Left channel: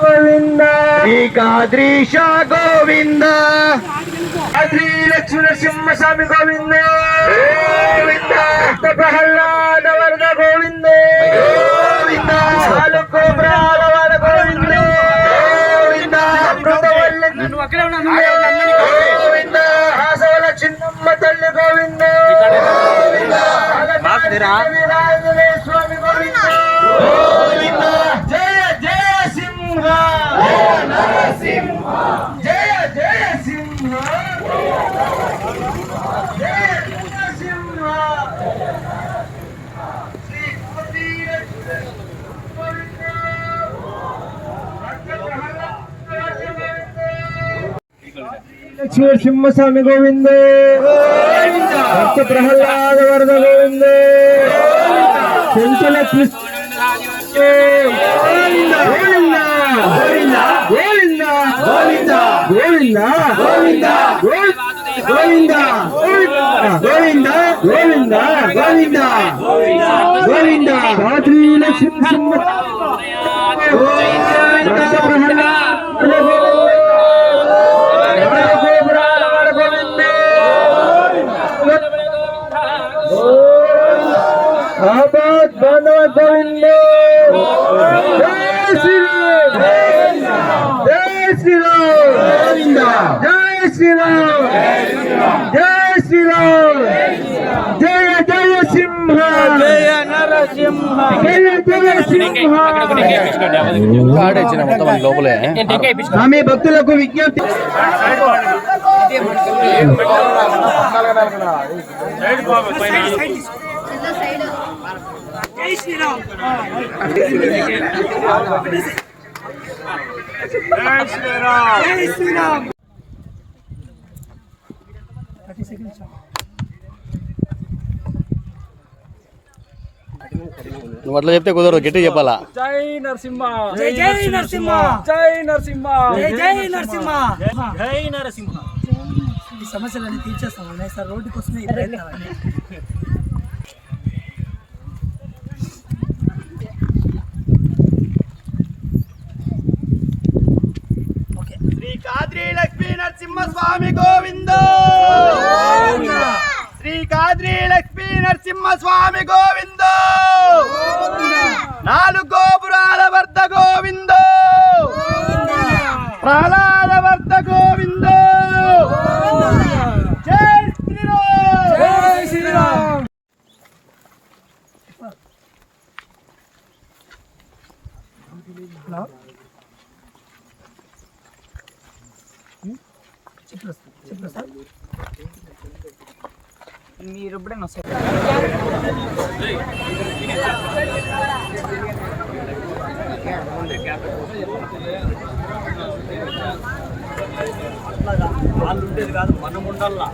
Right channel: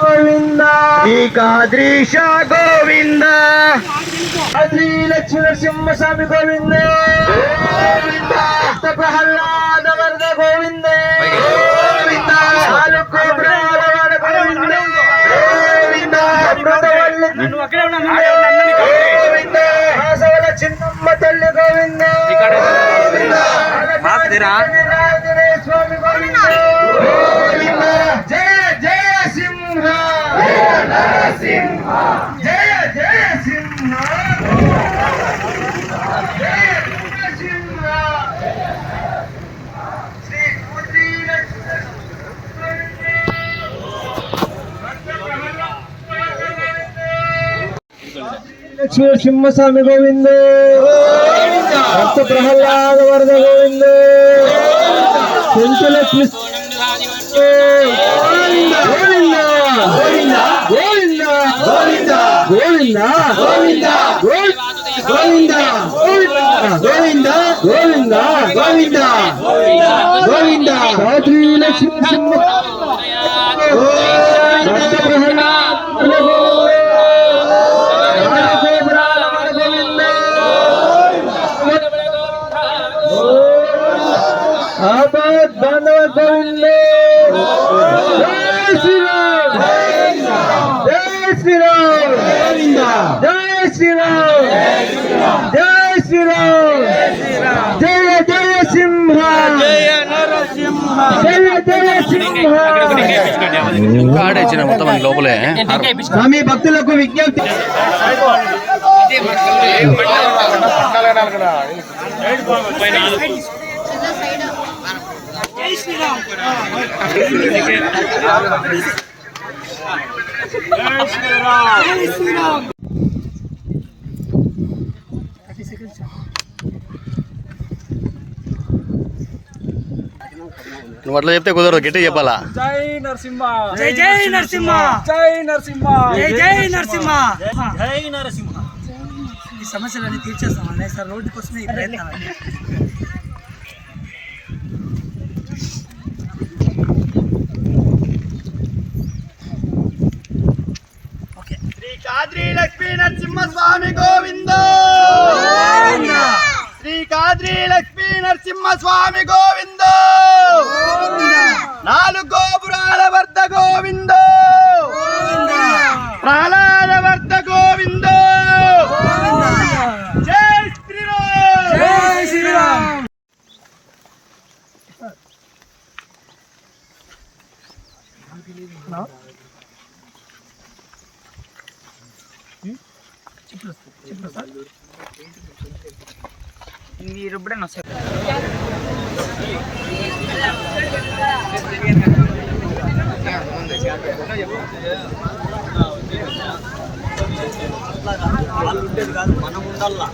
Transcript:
గోవింద శ్రీకాద్రీశ గోవింద శ్రీ లక్ష్మీ నరసింహస్వామి గోవింద గోవింద ప్రహ్లాద వర్గ గోవింద గోవింద కోబ్రాల గోవింద గోవింద హాసవల చిన్నమ్మ తల్లి గోవింద స్వామి గోవింద గోవింద జయ జయ సింహ జయ నరసింహ జయ జయ సింహ జయ నరసింహ లక్ష్మీ నరసింహస్వామి గోవింద భక్త ప్రహ్లాద వరద గోవింద కుంతుల కృష్ణ గోవింద గోవింద గోవింద గోవింద గోవింద గోవింద గోవింద గోవింద గోవింద గోవింద శ్రీ లక్ష్మీ భక్త ప్రహ్లాద आबाद बांधव गोविंद जय श्री राम जय श्री राम जय श्री राम जय श्री राम जय जय सिंह जय नरसिंह जय जय सिंह మొత్తం లోపలే స్వామి భక్తులకు విజ్ఞప్తి జై శ్రీరామ్ జై శ్రీరామ్ జై శ్రీరామ్ నువ్వు అట్లా చెప్తే కుదరదు, గట్టి చెప్పాలా. జై నరసింహ జై జై నరసింహ జై నరసింహ జై జై నరసింహ జై నరసింహ. ఈ సమస్యలన్నీ తీర్చేస్తామండి సార్. రోడ్డు కోసమే ఈ ప్రయత్నాలండి. శ్రీకాద్రి లక్ష్మీ నరసింహస్వామి గోవింద శ్రీకాద్రి లక్ష్మీ నరసింహస్వామి గోవింద నాలుగు గోపురాల వర్ధ గోవింద ప్రహ్లాద వర్ధ గోవింద జై శ్రీరామ్ జై శ్రీరామ్. మీరు ఎప్పుడైనా వస్తారు. వాళ్ళు ఉండేది కాదు, మనం ఉండాలా.